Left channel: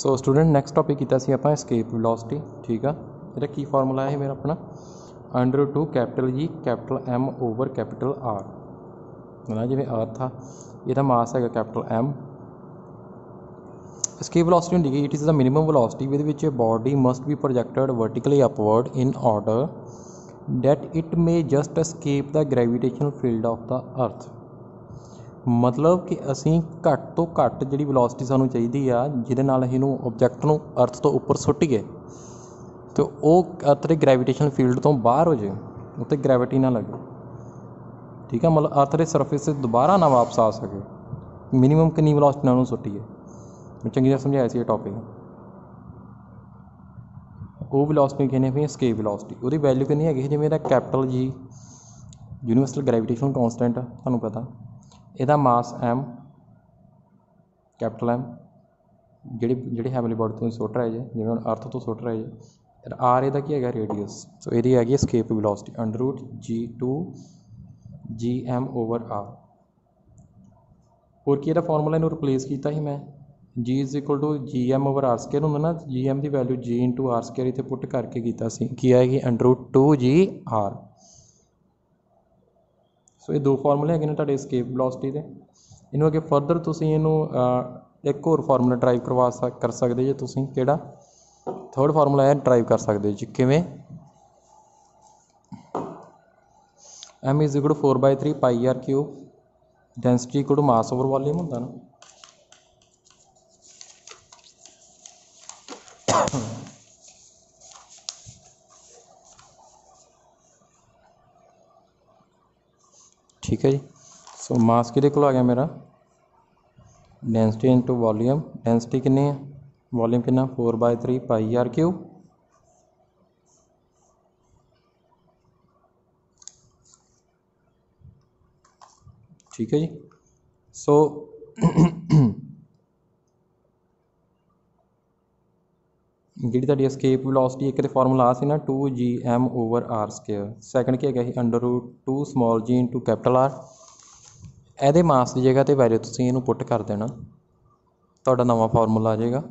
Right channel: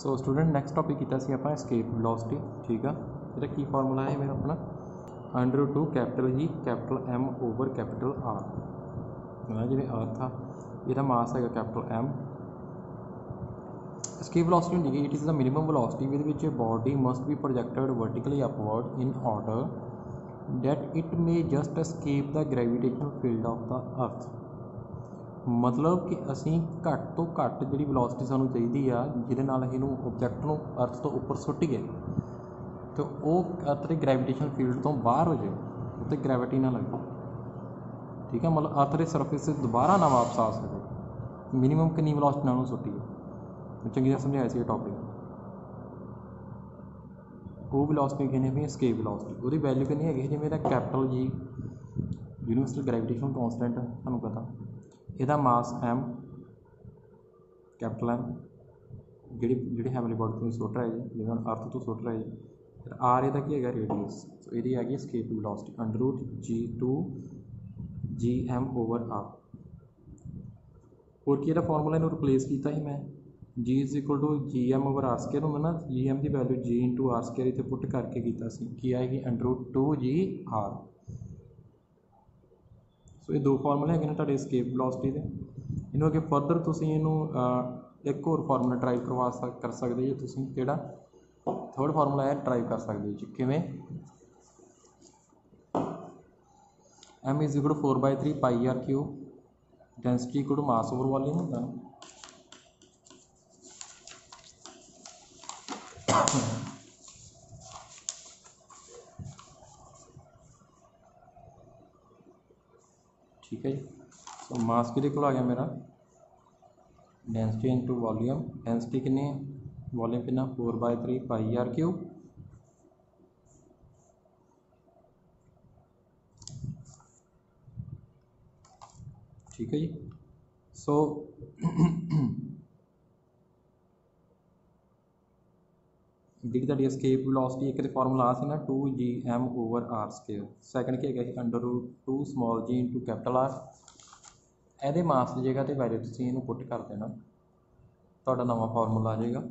So student next topic किया सी आपां escape velocity. ठीक है, ये की फार्मूला है मेरा अपना √2 capital G capital M over capital R. है जिवें अर्थ था, यदा मास है कैपिटल एम। एस्केप वेलोसिटी होंदी कि it is the minimum velocity with which a body must be projected vertically upward in order that it may just escape the gravitational field of the अर्थ। मतलब कि असी घट तो घट जी वेलोसिटी सानू चाहिए आ जिहदे नाल असीं नूं ऑब्जैक्ट नूं अर्थ तो उपर सुट्टीए तो वह अर्थ के ग्रेविटेशनल फील्ड तो बाहर हो जाए, उत्ते ग्रैविटी ना लगे। ठीक है, मतलब अर्थ के सरफेस से दोबारा ना वापस आ सके। मिनीमम कितनी वेलोसिटी नाल सुट्टीए, चंगी तरह समझाया सी टॉपिक। वो वेलोसिटी कहने भी एस्केप वेलोसिटी, वो वैल्यू कितनी हैगी जिवें capital G universal gravitational constant तुहानूं पता, ਇਹਦਾ मास एम कैपिटल एम ਜਿਹੜੀ ਹੈਵਨਲੀ बॉडी तो सुट रहे जे जिवें हुण अर्थ तो सुट रहे जे, फिर आर ਇਹਦਾ ਕੀ ਹੈਗਾ रेडियस। सो ਇਹਦੀ ਹੈਗੀ escape velocity √G2 GM over R. होर की ਇਹਦਾ फार्मूला ਇਹਨੂੰ रिप्लेस किया ही मैं G = GM over R square होंदा ना, GM की वैल्यू G × आर स्केयर इत्थे पुट करके की आएगी √2 GR। सो ये दो फार्मूले है तुहाडे एस्केप वेलोसिटी के। इनू अगे फर्दर तुसीं इनू एक होर फार्मूला ड्राइव कर सकते जे तुसीं, किहड़ा थर्ड फार्मूला है ड्राइव कर सकते जी। किवें M = 4/3 πr³ डेंसिटी = मास ओवर वॉल्यूम होंदा ना। ठीक है जी। सो मास किहदे कोल आ गया मेरा, डेंसिटी इंटू वॉल्यूम। डेंसिटी कितनी है, वॉल्यूम कितना 4/3 πr³। ठीक है जी। सो जी तुहाडी एस्केप वेलोसिटी एक तो फार्मूला आ सी ना 2GM over R square. Second की है √2 स्मॉल g × कैपिटल आर। ਇਹਦੇ मास की जगह तो वैल्यू तुसीं इहनूं पुट कर देना, तुहाडा नवा फार्मूला आ जाएगा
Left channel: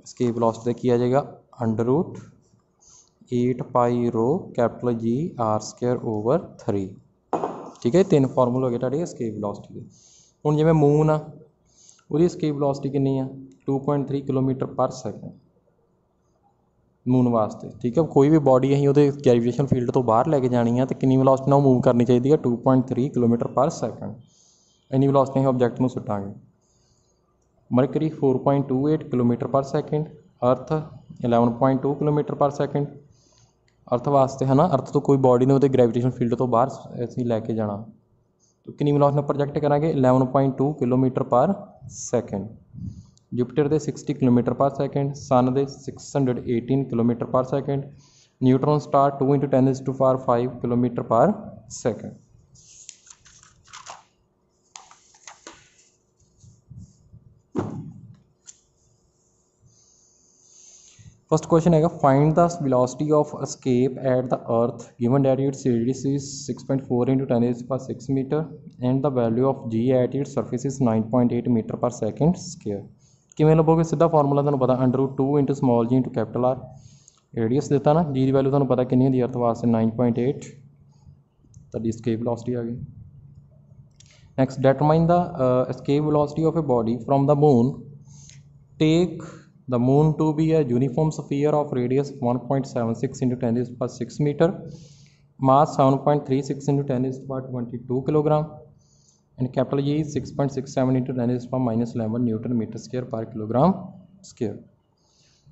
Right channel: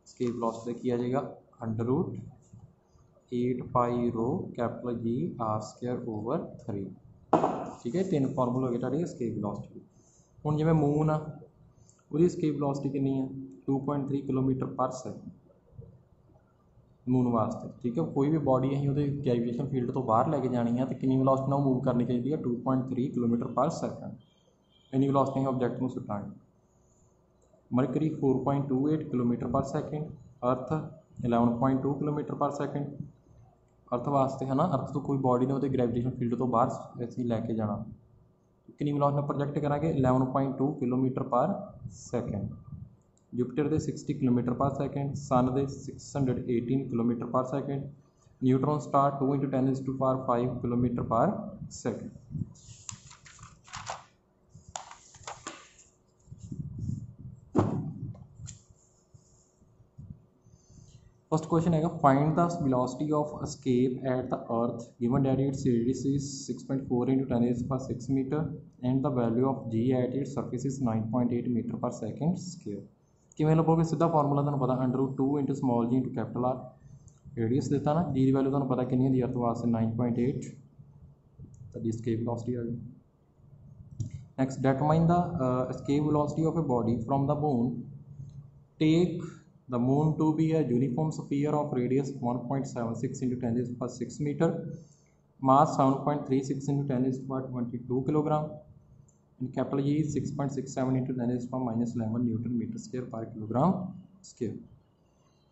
एस्केप वेलोसिटी की आ जाएगा √8π capital G R square over 3। ठीक है, 3 फार्मूले हो गए तुहाडे एस्केप वेलोसिटी के। हुण जिवें मून आ, उसकी एस्केप वेलोसिटी कितनी है 2.3 किलोमीटर पर सैकेंड मून वास्ते। ठीक है, कोई भी बॉडी असीं उहदे ग्रेविटेशन फील्ड तो बाहर लैके जानी है तो कितनी वेलोसिटी नाल मूव करनी चाहिए है 2.3 किलोमीटर पर सैकेंड। इन्नी वेलोसिटी असीं ऑब्जैक्ट नूं सुट्टांगे। मरकरी 4.28 किलोमीटर पर सैकेंड, अर्थ 11.2 किलोमीटर पर सैकेंड। अर्थ वास्ते है ना, अर्थ तो कोई बॉडी ने उहदे ग्रेविटेशन फील्ड तो बाहर असीं लैके जाना तो कितनी वेलोसिटी नाल प्रोजैक्ट करांगे 11.2 किलोमीटर पर सैकेंड। जुपिटर के 60 किलोमीटर पर सैकेंड, सन के 618 kilometre per second, neutron star 2 × 10⁵ kilometre per second. First question है find the velocity of escape at the earth given that its radius is 6.4 × 10⁶ metre and the value of G at its surface is 9.8 metre per second square. किमें लभोगे, सीधा formula तुहानूं पता √2 × small g × capital R. Radius देता ना, जी की value तुहानूं पता कितनी होंदी अर्थ वास्ते 9.8, तुहाडी एस्केप वेलोसिटी आ गई। Next determine the escape velocity of a body from the moon. Take the moon to be a uniform sphere of radius 1.76 × 10⁶ metre, mass 7.36 × 10⁻22 kilogram and capital G is 6.67 × 10⁻11 newton metre square पर kilogram square.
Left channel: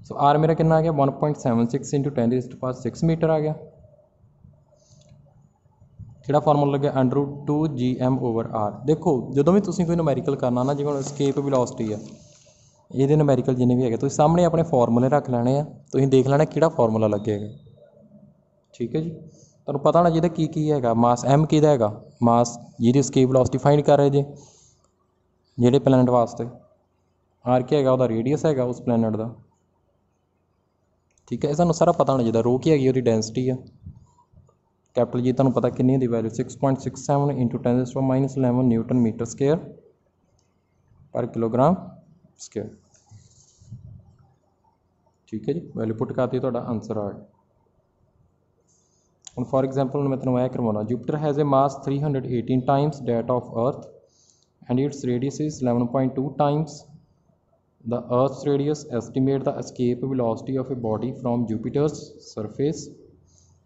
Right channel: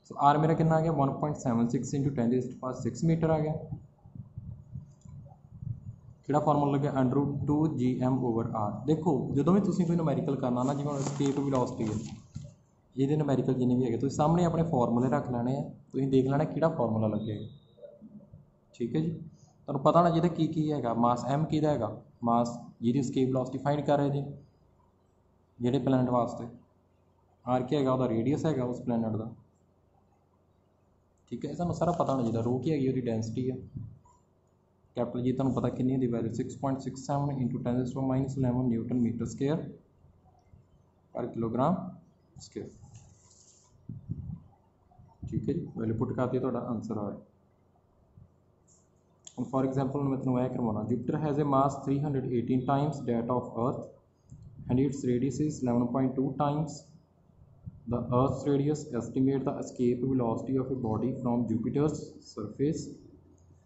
So R मेरा कितना आ गया 1.76 × 10⁻6 metre आ गया। किहड़ा formula लगे √2 GM over are. देखो जो भी तुसीं कोई नूमैरिकल करना ना, जिवें एस्केप वेलोसिटी है, ये नूमैरिकल जिन्ने भी है तुसीं सामने अपने फार्मूले रख लैने आ, तुसीं देख लेना किहड़ा फार्मूला लगेगा। ठीक है जी, तुहानूं पता होना जिहदा की हैगा मास M किहदा हैगा, मास जिहदी एस्केप वेलोसिटी फाइंड कर रहे जे जिहड़े प्लैनेट वास्ते, आर क्या हैगा उहदा रेडियस हैगा उस प्लैनेट का। ठीक है, सानूं सारा पता होना चाहिए। रो की हैगी उहदी डेंसिटी है, कैपिटल जी तुहानूं पता कितनी होंदी वैल्यू 6.67 × 10⁻11 न्यूटन मीटर स्क्वायर पर किलोग्राम स्क्वायर। ठीक है जी, वैल्यू पुट करती तुहाडा आंसर आ गया। ਹੁਣ फॉर एग्जाम्पल मैं तेन यह करवाना, Jupiter has a mass 318 times that of earth and its radius is 11.2 times the earth's radius, estimate the escape velocity of a body from Jupiter's surface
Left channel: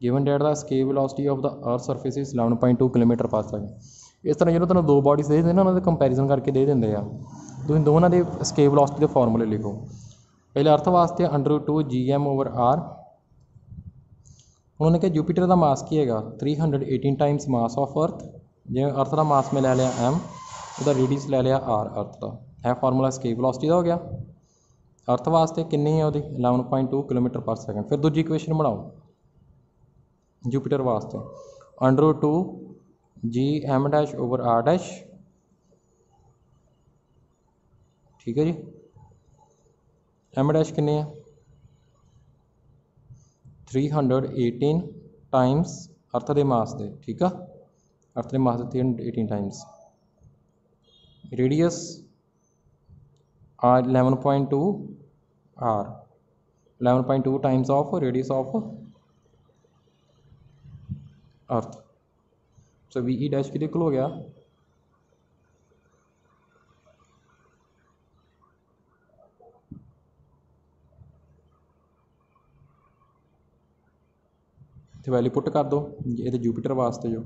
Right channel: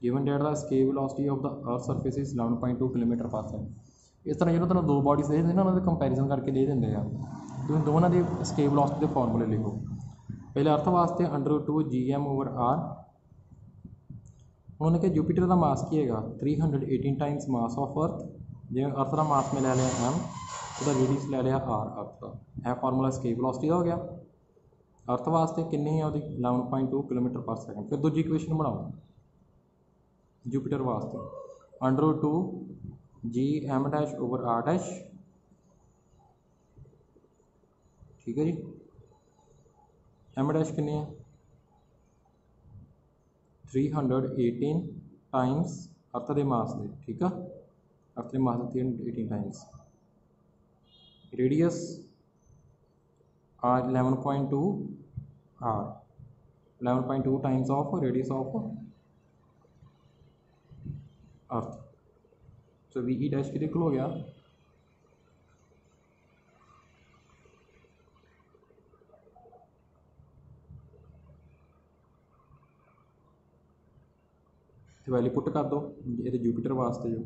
given that the escape velocity of the earth's surface is 11.2 kilometre पर second. इस तरह जो तेन दो bodies they देना उन्होंने comparison करके दे देंगे आ, तुम दोनों के escape velocity के फॉर्मूले लिखो। पहले अर्थ वास्ते √2 GM/R। उन्होंने कहा जूपीटर का मास की है 318 टाइम्स मास ऑफ अर्थ, जिवें अर्थ का मास में लै लिया M, उसका रेडियस लै लिया R अर्थ का, यह फार्मूला escape velocity का हो गया। अर्थ वास्ते कितनी है वो 11.2 किलोमीटर पर सेकंड। फिर दूजी इक्वेशन बनाओ जूपीटर वास्ते, √2 GM'/R', ठीक है जी। M' कितने है 318 टाइम्स अर्थ के मास दे, ठीक है, अर्थ के मास 318 times, radius 11.2 R, 11.2 times of radius of earth. So VE' कितने को हो गया तो वैल्यू पुट कर दो ये जूपीटर वास्ते जो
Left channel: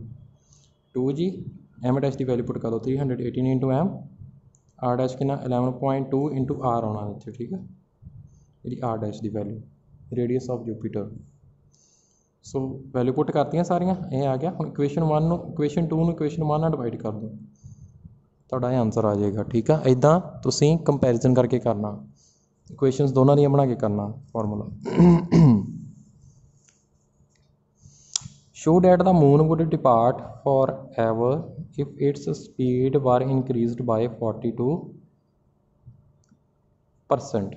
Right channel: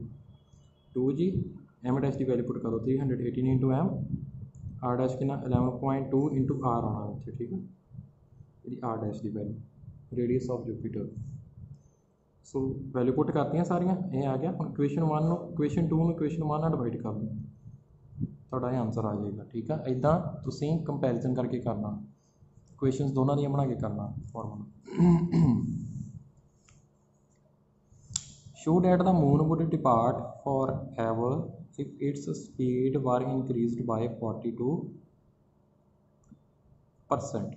2G M' की वैल्यू पुट कर दो 318 × M, R' कितना 11.2 × R आना इतने, ठीक है, ये R' की value radius of Jupiter. So value put करती सारिया, ये आ गया। हम इक्वेशन 1 इक्वेशन 2 इक्वेशन 1 ਨਾਲ डिवाइड कर दो, ਤੁਹਾਡਾ आंसर आ जाएगा, ठीक है। इदा तुसीं कंपैरिजन करके करना, इक्वेशनस दोनों दी बना के करना formula. Show that the moon would depart forever if its speed were increased by 42%।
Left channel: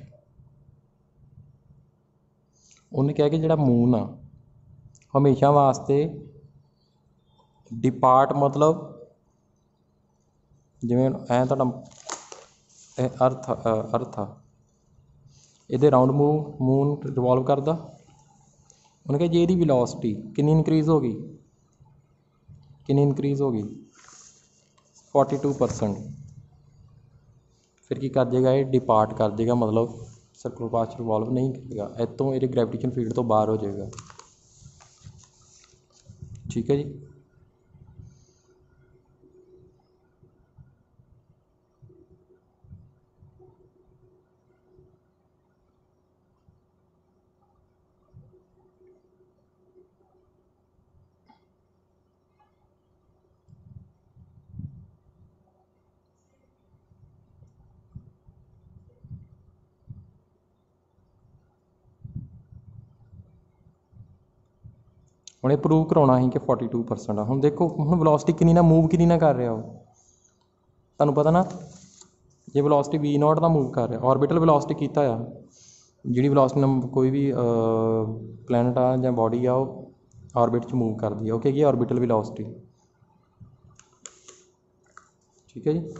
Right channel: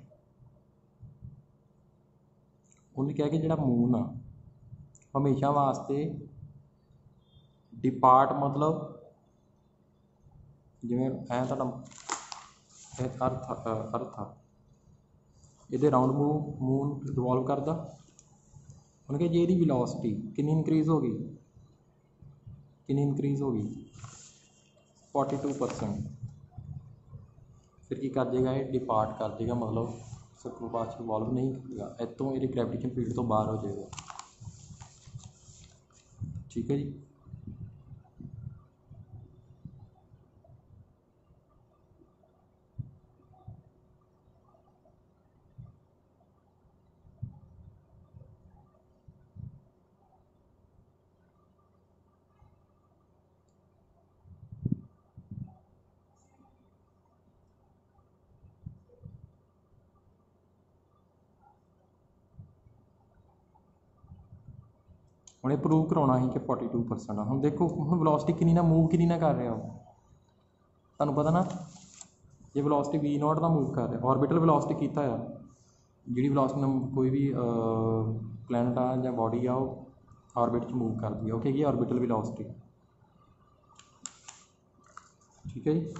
उन्हें कहा कि जो मून आ हमेशा वास्ते डिपार्ट मतलब जिमें ऐ तो अर्थ आ ये राउंड मून रिवॉल्व करता। उन्होंने कहा जी ये विलोसिटी कितनी इंक्रीज़ होगी, कितनी इंक्रीज़ होगी 42%। फिर की कर देगा ये डिपार्ट कर देगा, मतलब सर्कुलर पाथ रिवॉल्व नहीं करेगा, इतों ये ग्रेविटेशन फील्ड तो बाहर हो जाएगा, ठीक है जी। उन्हें प्रूव कराना ही कि 42% आ। हम देखो हम वेलोसिटी कितनी ना मूव कितनी ना कर रहा हो, तुहानूं पता ना ये वेलोसिटी V0 का मूव कर रहा, ऑर्बिटल वेलोसिटी कीता आ, जी वेलोसिटी कोई भी प्लैनेट आ या बॉडी आ ऑर्बिट च मूव करती है, ओके ये ऑर्बिटल वेलोसिटी, ठीक है जी।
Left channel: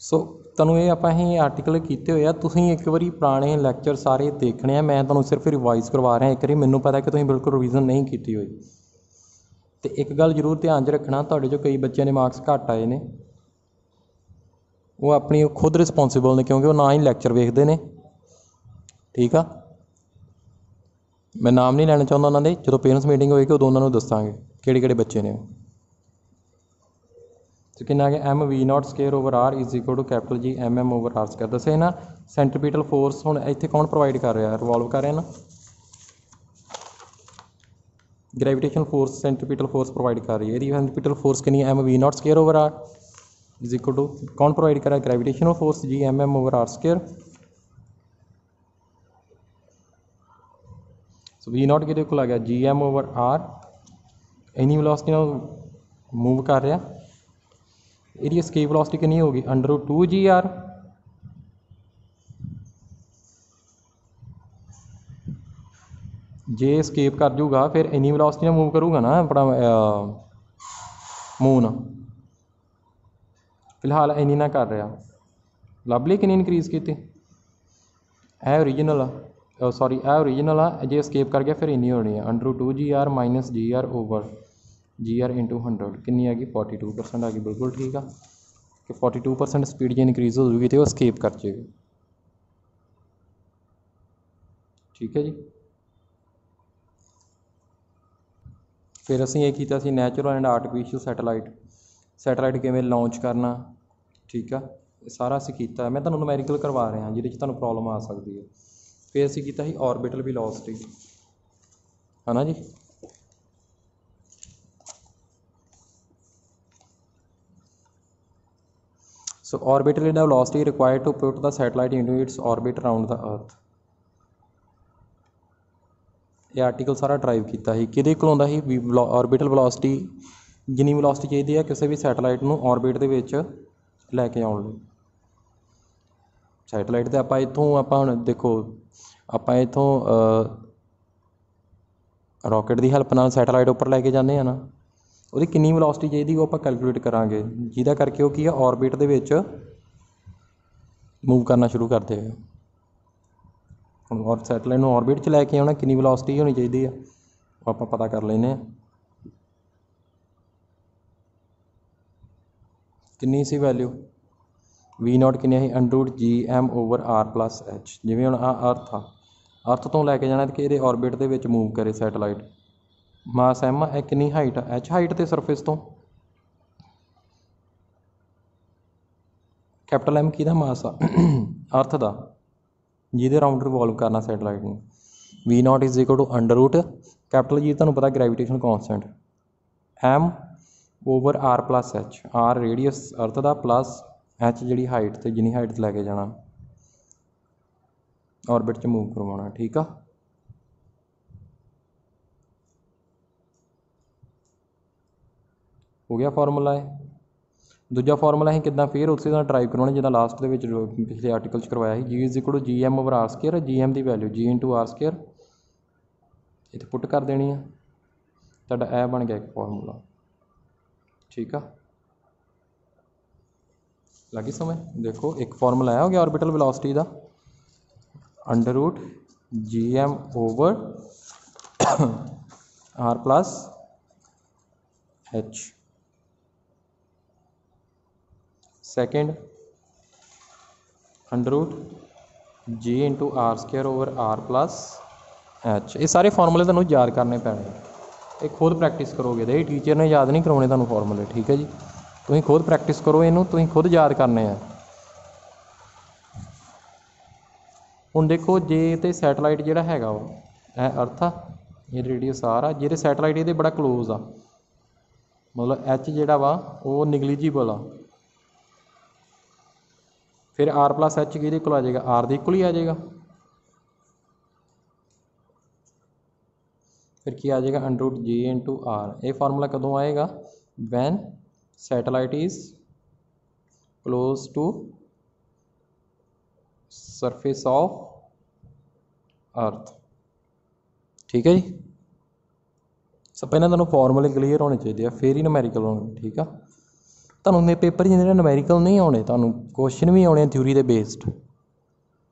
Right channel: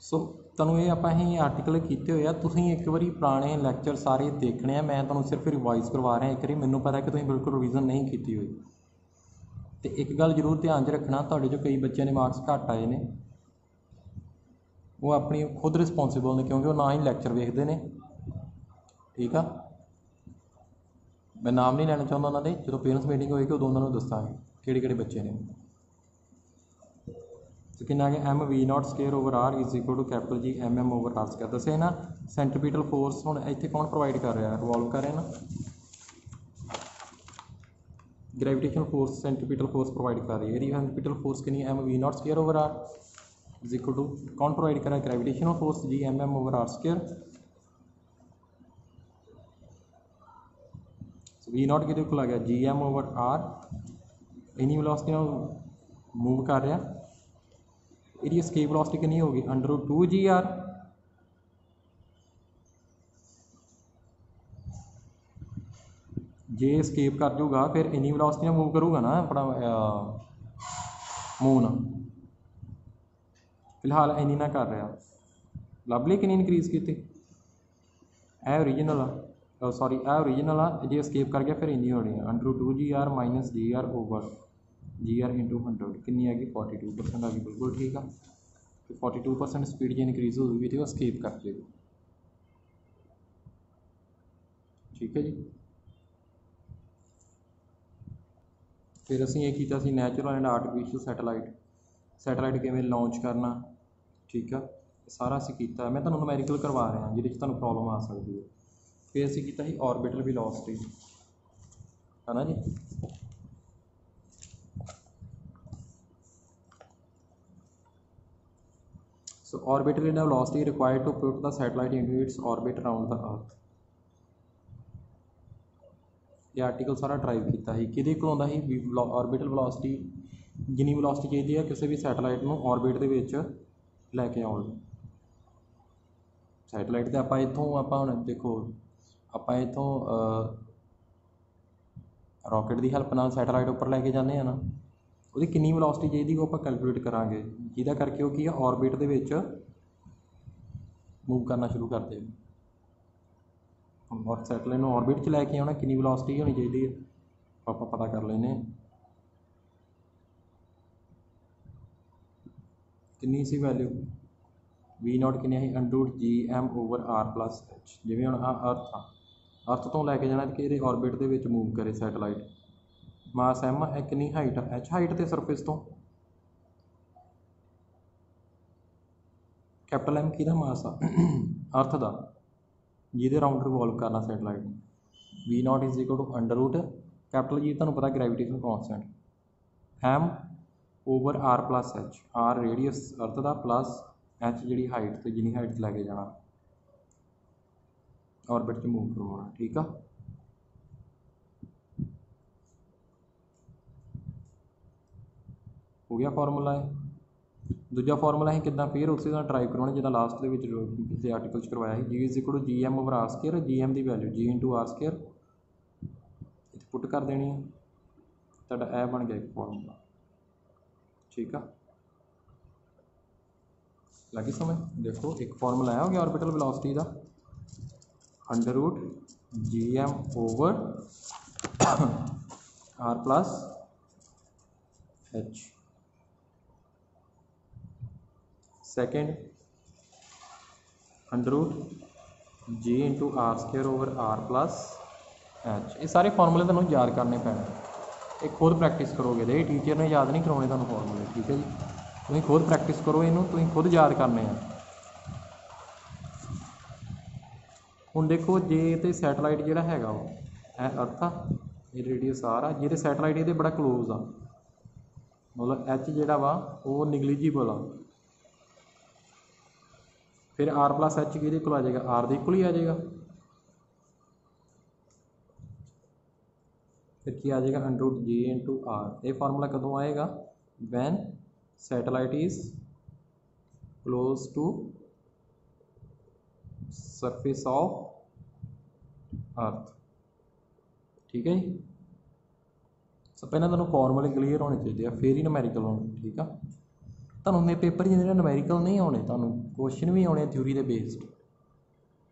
सो तुहानूं ये आपां ही आर्टिकल कीते हुए आ, तुसीं एक बारी पुराने लैक्चर सारे देखने आ, मैं तुहानूं सिर्फ रिवाइज करवा रहा एक बारी, मैनूं पता कि तुसीं बिल्कुल रिवीजन नहीं की हुई। तो एक गल जरूर ध्यान च रखना, तुहाडे चों कई बच्चों के मार्क्स घट आए ने, वो अपनी खुद रिस्पोंसिबल ने क्योंकि वो ना ही लैक्चर वेखते हैं, ठीक है। मैं नाम नहीं लैना चाहता उन्होंने, जो पेरेंट्स मीटिंग होएगी उदों उन्होंने दसांगे किहड़े बच्चे ने। तो कितना आ गया M V0² is equal to capital G MM/R²। दसे ना सेंट्रीपिटल फोर्स हुण इत्थे कौन प्रोवाइड कर रहा, रिवॉल्व कर रहा ना, gravitation force centripetal force provide कर रही है। सेंट्रीपिटल फोर्स कितनी M V0² is equal to कौन प्रोवाइड कर रहा है, gravitational force G MM/R²। So V0 किहदे कोल आ गया GM/R, इन्नी वेलोसिटी नाल मूव कर रहा, इसकी एस्केप वेलोसिटी कितनी होगी √2 GR। जे एस्केप कर जूगा फिर इन्नी वेलोसिटी मूव करूगा ना अपना मून, फिलहाल इन्नी ना कर रहा, लभ ली कितनी इनक्रीज़ की ਇਹ ਓਰੀਜਨਲ ਆ ਸੌਰੀ ਇਹ ਓਰੀਜਨਲ ਆ ਜੇ escape ਕਰ ਗਿਆ ਫਿਰ ਇੰਨੀ ਹੋਣੀ ਆ √2 GR minus GR over GR into 100 कितनी आ गई 42% आ गई। बिल्कुल ठीक आ कि 42% स्पीड जो इनक्रीज़ हो जाएगी तो वो escape कर जाएगा। ठीक है जी। फिर असीं ये कीता सी नैचुरल एंड आर्टिफिशियल सैटेलाइट किवें लॉन्च करना। ठीक है सारा असीं कीता मैं तुहानूं नुमैरिकल करवा रहा जिहदे च तुहानूं प्रॉब्लम आ सकती है। फिर असीं कीता सी ऑर्बिटल वेलोसिटी है ना जी। So orbital velocity required to put the satellite into its orbit around the earth. ये आर्टिकल सारा ड्राइव किया ही किहदे कोल आउंदा ही ऑर्बिटल वेलोसिटी जिन्नी वेलोसिटी चाहिए है किसी भी सैटेलाइट नूं ऑर्बिट दे विच लैके आउण लई। सैटेलाइट तो आप इतों आप देखो आप इतों रॉकेट की हैल्प नाल सैटेलाइट उपर लैके जाते हैं ना वो कितनी वेलोसिटी चाहिए वो आप कैलकुलेट करांगे जिहदा करके वो की है ऑर्बिट दे विच मूव करना शुरू कर देगा। और सैटेलाइट नूं ऑर्बिट च लैके आना कितनी वेलोसिटी होनी चाहिए है आप पता कर लेने कितनी सी वैल्यू V0 किन्नी है √GM ओवर R+H। जिवें हुण अर्थ तो लैके जाना कि ये ऑर्बिट दे विच मूव करे सैटेलाइट मास M है कितनी हाइट H हाइट ते सरफेस तो कैपिटल M किहदा मास आ अर्थ दा जिहदे राउंड रिवॉल्व करना सैटेलाइट नूं। V0 is equal to capital G तुहानूं पता gravitation constant M over R+H R radius earth दा प्लस H जी हाइट तो जिनी हाइट लैके जाना ऑर्बिट च मूव करवाना। ठीक आ हो गया फार्मूला है। दूजा फार्मूला है किदा फिर उस ड्राइव करवाना जिदा लास्ट के पिछले आर्टिकल करवाया है G is equal to GM over R² GM की वैल्यू G इंटू R² इतने पुट कर देनी है तुहाडा यह बन गया एक फार्मूला। ठीक आ लगी समझ। देखो एक फार्मूला आया हो गया ऑर्बिटल वेलोसिटी का √GM over R+H। Second √G into R² over R+H। ये सारे फार्मूले तुहानूं याद करने पैने एक खुद प्रैक्टिस करोगे तो टीचर ने याद नहीं करवाने तुहानूं फार्मूले। ठीक है जी तुसीं खुद प्रैक्टिस करो इनू तुसीं खुद याद करने हैं। हुण देखो जे तो सैटेलाइट जिहड़ा हैगा वो अर्थ आ ये रेडियस R आ जिहड़े सैटेलाइट ये बड़ा क्लोज आ मतलब H जिहड़ा वा वो निगलीजिबल आ फिर R+H किहदे कोल आ जाएगा R दे इक्वल ही आ जाएगा। फिर की आ जाएगा √G इंटू R। ये फार्मूला कदों आएगा when satellite is close to surface of earth. ठीक है जी सब पहले तुहानूं फार्मूले क्लीयर होने चाहिए फिर ही नुमैरिकल होने। ठीक है तुहानूं पेपर जिन्हें नुमैरिकल नहीं आने तुहानूं क्वेश्चन भी आने थ्योरी के बेस्ड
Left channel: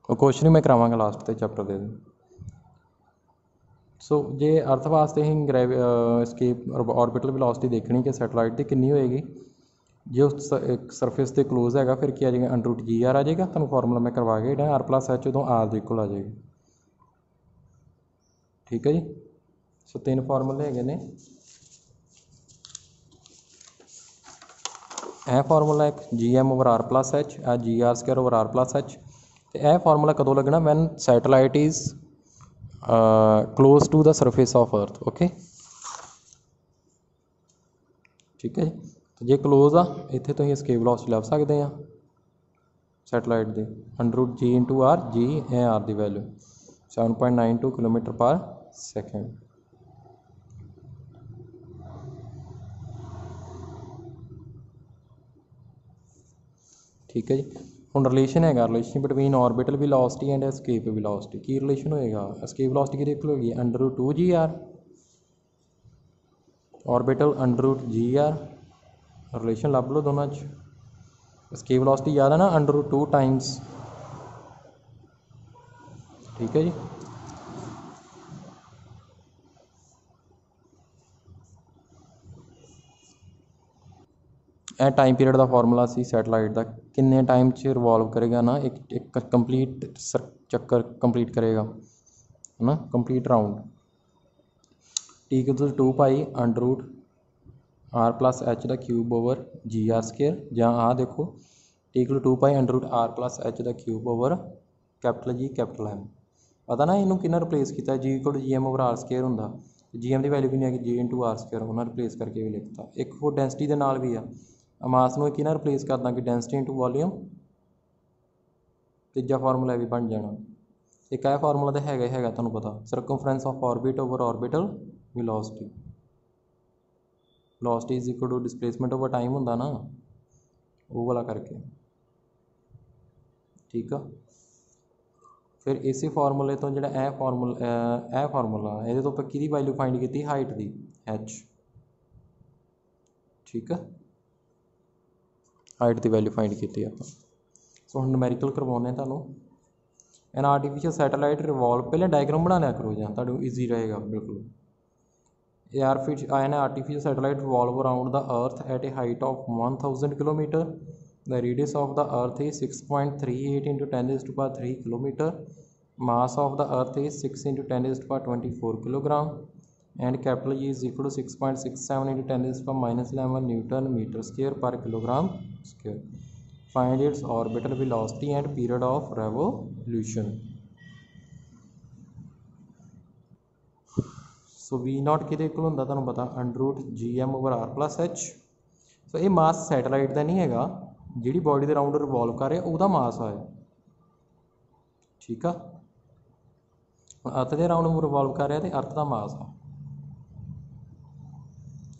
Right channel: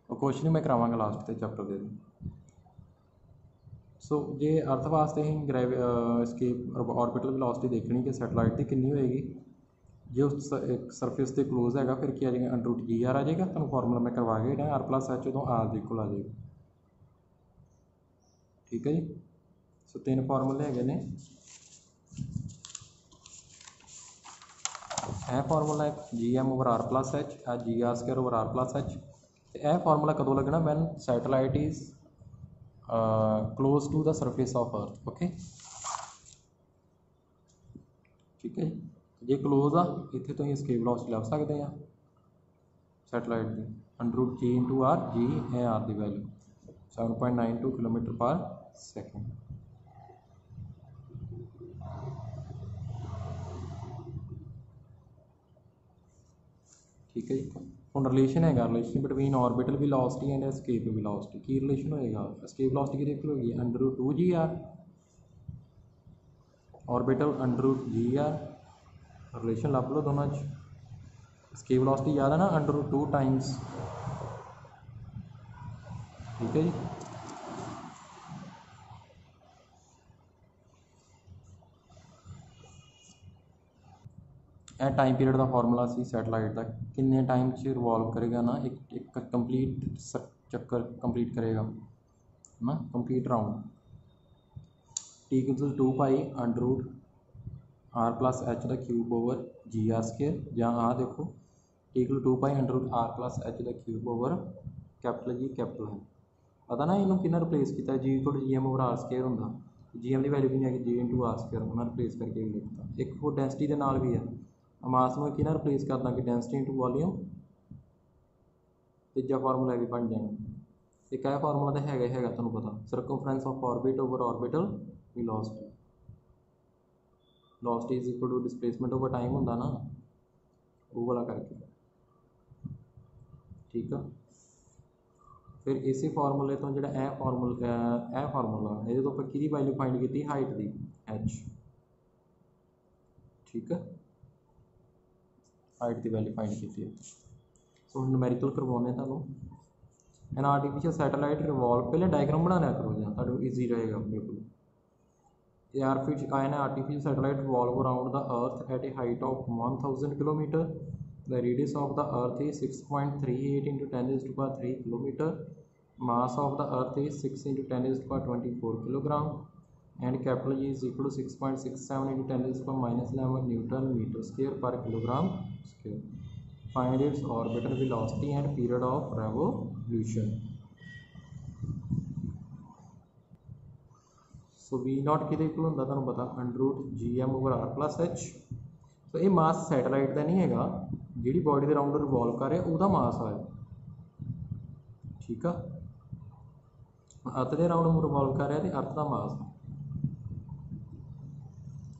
वो क्वेश्चन भी मैं करावांगा लास्ट के चैप्टर के। सो जे अर्थ वास्ते ही एस्केप ऑर्बिटल वेलोसिटी देखनी कि सैटेलाइट की कितनी होएगी जो सरफेस के क्लोज है फिर क्या आ जाएगा √GR आ जाएगा तुहानूं फार्मूला मैं करवा के R+H उदों R दे इक्वल आ जाएगा। ठीक है जी सो 3 फार्मूले है ने यह फार्मूला एक GM over R+H GR² over R+H। तो यह फार्मूला कदों लगना when satellite is close to the surface of earth. Okay ठीक है जी जे क्लोज आ इत्थे तुसीं एस्केप वेलोसिटी लभ सकते हैं सैटेलाइट की √G इंटू R G है R की वैल्यू 7.92 किलोमीटर पर सेकेंड। ठीक है जी हुण रिलेशन है relation between orbital velocity and escape velocity की रिलेशन होएगा एस्केप वेलोसिटी की होगी √2GR ऑर्बिटल √GR रिलेशन लभ लो दोनों एस्केप वेलोसिटी याद है ना √2 टाइम्स ठीक है जी। ਇਹ ਟਾਈਮ ਪੀਰੀਅਡ ਦਾ ਫਾਰਮੂਲਾ ਸੀ ਸੈਟਲਾਈਟ ਦਾ, ਕਿੰਨੇ ਟਾਈਮ 'ਚ ਰਿਵੋਲਵ ਕਰੇਗਾ ਨਾ, ਇੱਕ ਕੰਪਲੀਟ ਚੱਕਰ ਕੰਪਲੀਟ ਕਰੇਗਾ ਹੈ ਨਾ, complete round. T = 2 pi under root R plus H का cube over G R square, ਜਾਂ ਆ देखो T = 2 pi under root R plus H का cube over capital G capital M. पता ना इनू किन्ना रिप्लेस किया, G = G M over R square होंदा, जी एम की वैल्यू भी नहीं है, जी × आर स्केयर उन्होंने रिप्लेस करके भी लिखता। एक वो डेंसिटी के नाल भी आ मास में किन्ना रिप्लेस कर दा कि डेंसिटी × वॉल्यूम, तीजा फार्मूला भी बन जाना। एक है फार्मूला तो हैगा तुहानूं पता, circumference of orbit over orbital velocity, velocity is equal to displacement over time होंदा ना, वो वाला करके ठीक है। फिर इस फार्मूले तो जो फार्मूला ये तो कि वैल्यू फाइंड की हाइट की एच, ठीक है, हाइट की वैल्यू फाइंड की आप। सो हम न्यूमेरिकल करवाने तुहानूं। एन आर्टिफिशियल सैटेलाइट रिवॉल्व, पहले डायग्राम बना लिया करो जां तुहानूं ईजी रहेगा बिल्कुल। An artificial satellite revolve around the earth at a height of 1000 km. The radius of the earth is 6.38 into 10⁻³ km. Mass of the earth is 6 into 10⁻24 kg, and capital G is equal to 6.67 into 10⁻⁻11 Newton meter square per kilogram square. Find its orbital velocity and period of revolution. So V0 कि होंगे तुहानूं पता under root GM over R plus H. So ये mass satellite का नहीं है, जी body के राउंड रिवॉल्व कर रहे वह मास है, ठीक है। अर्थ के राउंड रिवॉल्व कर रहा तो अर्थ का मास है।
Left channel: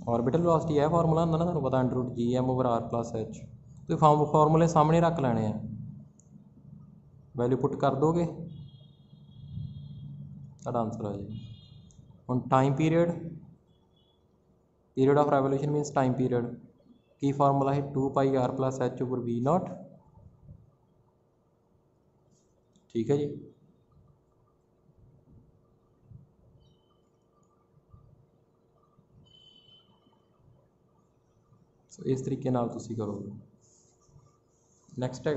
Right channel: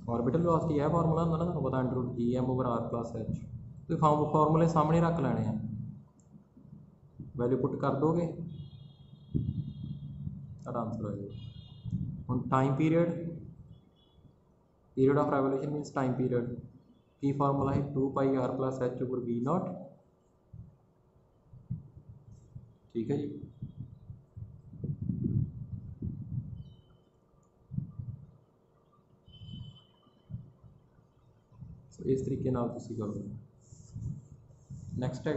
ऑर्बिटल वेलोसिटी है फार्मूला होंगे ना तुहानूं पता under root GM over R plus H. तो फार्मूले सामने रख लेने हैं, वैल्यू पुट कर दोगे तो आंसर आ जाए। हम time period of revolution मीनस time period की फार्मूला है 2 पाई R plus H over V0, ठीक है जी। सो इस तरीके नाल तुसीं करोगे। नैक्सट है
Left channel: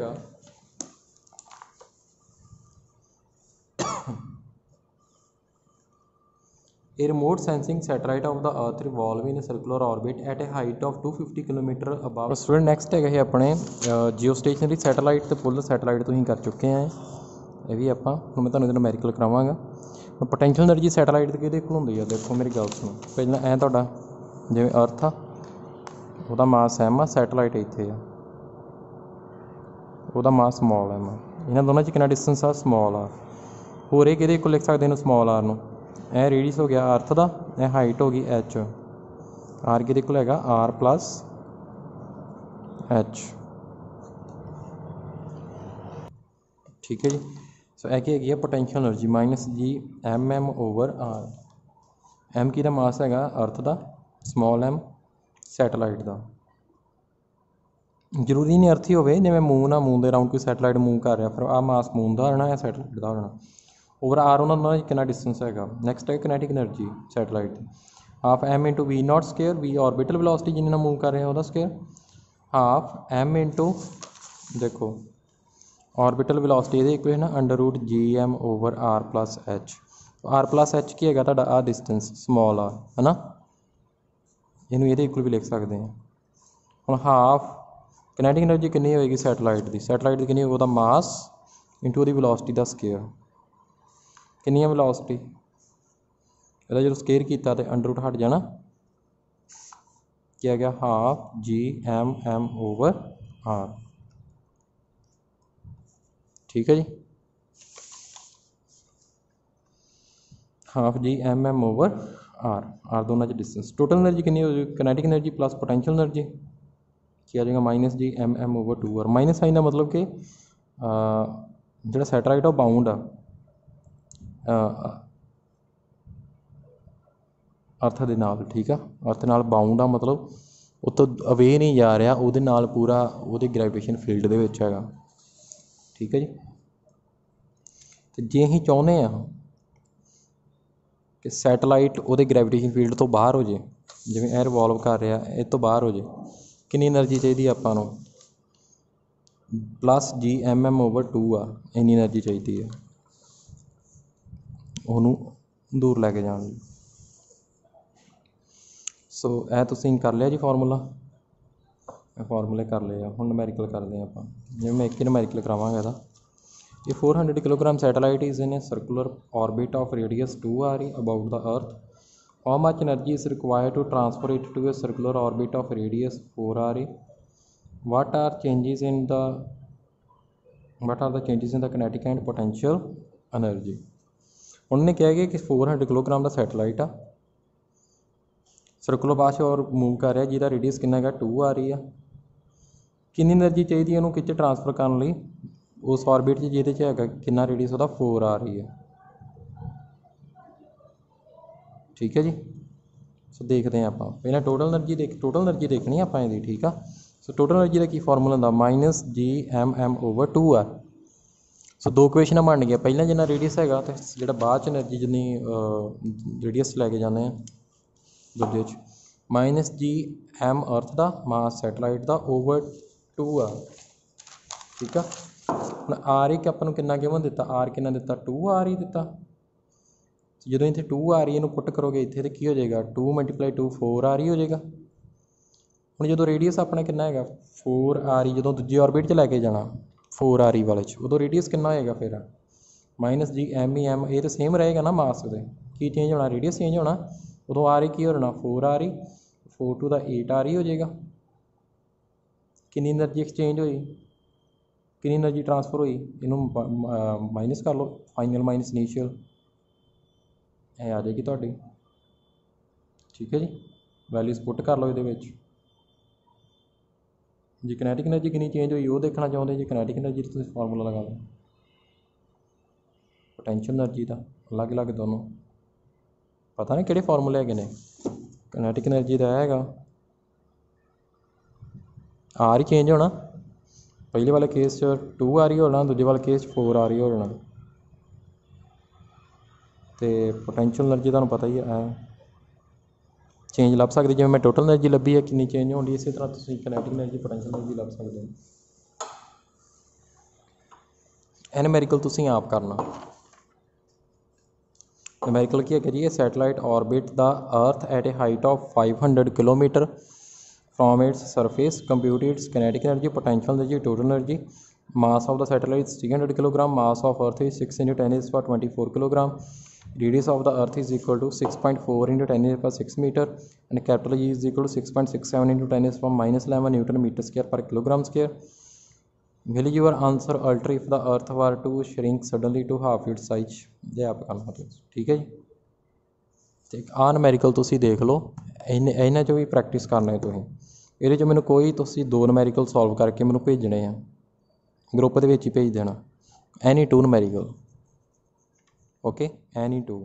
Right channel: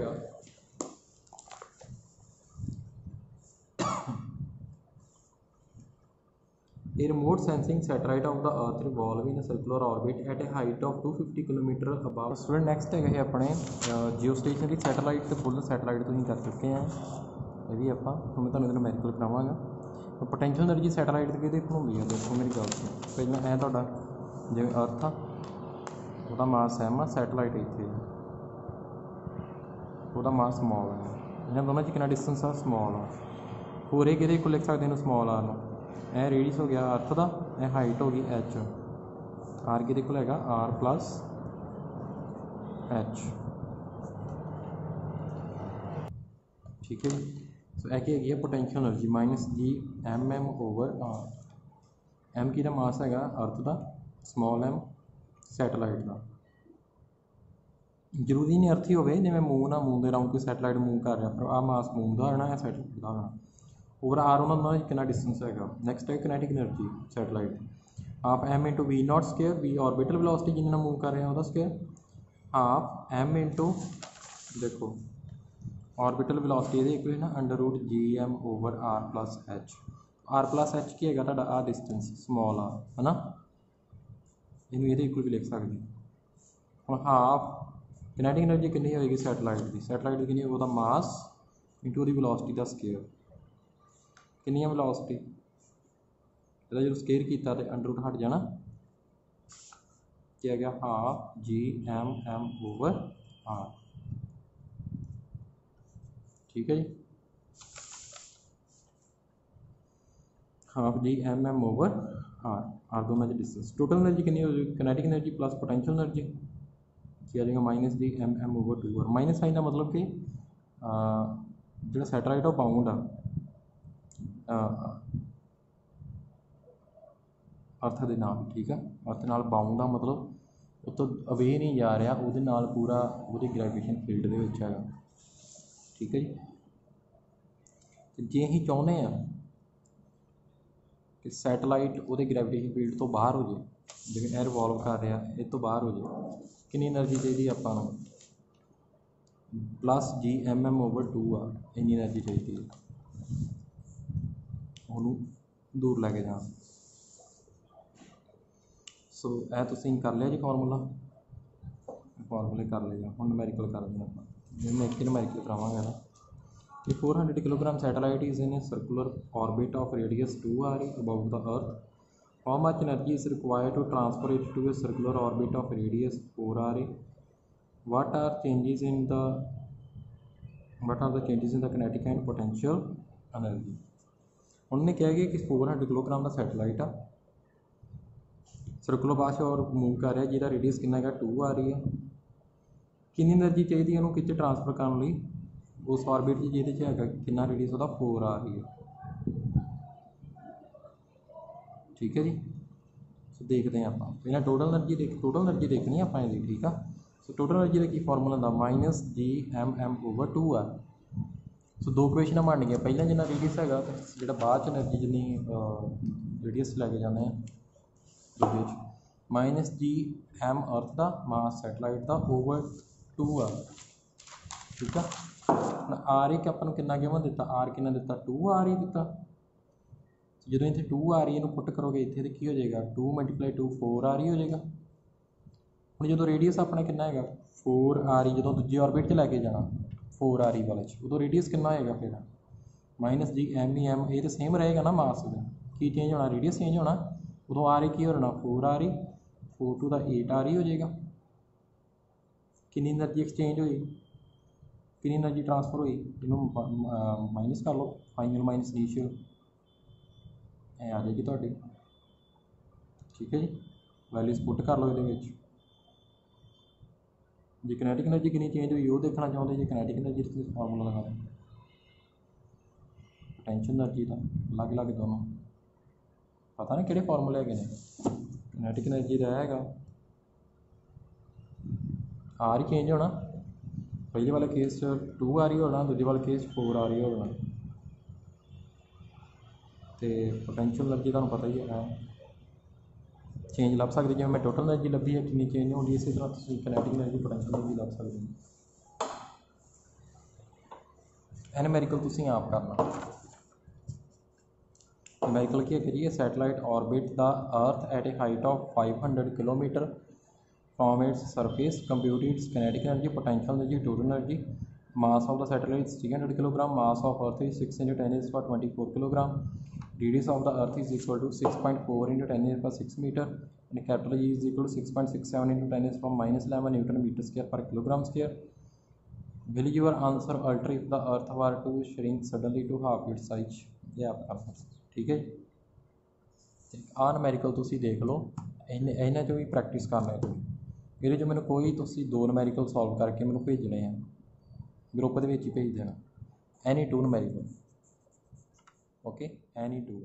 A remote sensing satellite of the earth revolve in a circular orbit at a height of 250 km above। Student next है अपने जियो स्टेशनरी सैटेलाइट तो फुल सैटेलाइट तो ही कर चुके हैं, ये भी आप मैं तुहानूं न्यूमेरिकल करावांगा। पोटेंशियल एनर्जी सैटेलाइट किहदे कोल हुंदी है, देखो मेरी गल सुनो। पहला ऐ तुहाडा जिवें अर्थ आ, ਉਹਦਾ मास M आ, सैटेलाइट इत्थे आ, ਉਹਦਾ मास स्मॉल M आ। इन्हां दोनों च कितना डिस्टेंस आ, स्मॉल आ। होर ये किहदे कोल लिख सकते हैं स्मॉल आर नूं, यह रेडियस हो गया अर्थ का, यह हाइट होगी एच, आर कि है R प्लस एच, ठीक है जी। सो यह है पोटेंशियल एनर्जी माइनस जी MM ओवर R। M की मास है अर्थ का, स्मॉल M सैटेलाइट का। जरूरी नहीं अर्थ ही हो, जिवें मून आ, मून के राउंड कोई सैटेलाइट मूव कर रहा, फिर आ मास मून का होना या सैटेलाइट का होना। ओवर R उन्होंने कितना डिस्टेंस है। नैक्सट है kinetic energy satellite, half M × V0 square, V orbital velocity जिन्हें मूव कर रहे हैं वह स्केयर, हाफ M × देखो ऑर्बिटल वेलोसिटी ये इक्वेशन है under root GM over R plus H. R plus H की है आ डिस्टेंस स्मॉल आ, है ना, इनू ये इक्वल भी लिख सकते हैं। हम हाफ किनेटिक एनर्जी कितनी होएगी सैटेलाइट की, सैटेलाइट की कितनी होगी, वह मास इंटू वो वेलोसिटी का स्केयर, कितनी वेलोसिटी, यदा जो स्केयर किया तो अंडर रूट हट जाना, क्या गया हाफ GM ओवर R, ठीक है जी, हाफ GM ओवर R दोनों डिस्टेंस। टोटल एनर्जी कितनी हो जाएगी, kinetic energy plus potential energy क्या आ जाएगा minus GM over 2R। Minus sign का मतलब कि जो सैटेलाइट है वो बाउंड आ अर्थ के नाल, ठीक है, अर्थ नाल बाउंड आ, मतलब उतो अवे नहीं जा रहा, वो पूरा वो ग्रेविटेशन फील्ड के, ठीक है जी। तो जे असीं चाहुंदे आ कि सैटेलाइट उहदे ग्रैविटेशन फील्ड तो बाहर हो जाए, जिवें ਇਹ ਰਿਵੋਲਵ कर रहा ਇਹ ਤੋਂ ਬਾਹਰ हो जाए, कितनी एनर्जी चाहिए ਆਪਾਂ ਨੂੰ प्लस Gmm/2 आ, इन्नी एनर्जी चाहिए है ਉਹਨੂੰ दूर लैके जाने। सो ਇਹ ਤੁਸੀਂ कर लिया जी फार्मूला, फार्मूले कर लिए। ਹੁਣ नूमैरिकल करते हैं ਆਪਾਂ, जिवें मैं एक ही नूमैरिकल करावांगा ਇਹਦਾ। A 400 kg satellite is in a circular orbit of radius 2 r about the Earth. How much energy is required to transfer it to a circular orbit of radius 4 r? What are the changes in the kinetic and potential energy? उन्होंने क्या है कि 400 kilogram का satellite आ circular path और move कर रहा, जिसका radius कितना है 2 आ रही है। कितनी एनर्जी चाहिए उन्होंने कितने ट्रांसफर करने लिए उस ऑर्बिट जिहदे च है कितना रेडियस उसका 4 आ रही है। ठीक है जी। सो देखते हैं आप पहले टोटल एनर्जी देखनी है आप इसकी। ठीक है। सो टोटल एनर्जी का की फॉर्मूला होंदा -Gmm/2r। सो दो क्वेश्चन बन गया, पहला जिन्ना रेडियस है तो जो बाद एनर्जी जिन्नी रेडियस लैके जाने दूजे -Gm अर्थ का मास सैटेलाइट का /2r। ठीक है। आर एक अपन कितना गिवन दिता, आर कितना दिता 2 आर ही दिता। जो इतने 2 आर ही पुट करोगे इतने तो की हो जाएगा 2 × 2 4 आर ही हो जाएगा। हम जो रेडियस अपना कितना है 4 आर ही, जो दूजी ऑर्बिट च लैके जाना 4 आर ही वाले उदो रेडियस कितना होएगा फिर -Gm ये तो सेम रहेगा ना मास वो की चेंज होना, रेडियस चेंज होना। उदो आर ही की होना 4 आर ही, 4 × 2 8 आर ही हो जाएगा। कितनी एनर्जी एक्सचेंज हुई, कितनी एनर्जी ट्रांसफर हुई, इनू माइनस कर लो, फाइनल माइनस इनीशियल आ जाएगी थोड़ी। ठीक है जी। वैल्यूज पुट कर लो ये। जी किनेटिक एनर्जी कितनी चेंज हुई वो देखना चाहते जी, किनेटिक एनर्जी तो फार्मूला लगा दो। पोटेंशियल एनर्जी का अलग अलग दोनों पता नहीं किहड़े फार्मूले है ने। किनेटिक एनर्जी का है आर ही चेंज होना, पहले वाले केस 2 आर ही होना, दूजे वाले केस 4 आर ही होना। तो पोटेंशियल एनर्जी तुहानूं पता ही है चेंज लभ सकते, जिवें मैं टोटल एनर्जी लभी है कितनी चेंज होनी, इस तरह तुसीं किनेटिक एनर्जी पोटेंशियल एनर्जी लभ सकते हो। एनूमैरिकल तुसीं आप करना। नूमैरिकल की है जी, satellite orbit the earth at a height of 500 kilometre from its surface, compute its kinetic energy, potential energy, total energy. Mass of the satellite 300 kilogram, mass of earth is 6 × 10⁻24 kilogram, radius of the earth is equal to 6.4 × 10⁻6 metre and capital G is equal to 6.67 × 10⁻11 newton metre square पर kilogram square. Will your answer alter if the earth were to shrink suddenly to half its size. ये आप करना। ठीक है जी। तो आ नूमैरिकल तुसीं देख लो, इन्हां चों भी प्रैक्टिस करना है तुसीं। ये जो मैंने कोई तुसीं 2 नूमैरिकल सॉल्व करके मैंने भेजने हैं, ग्रुप के ही भेज देना, एनी 2 नूमैरिकल। Okay, any 2।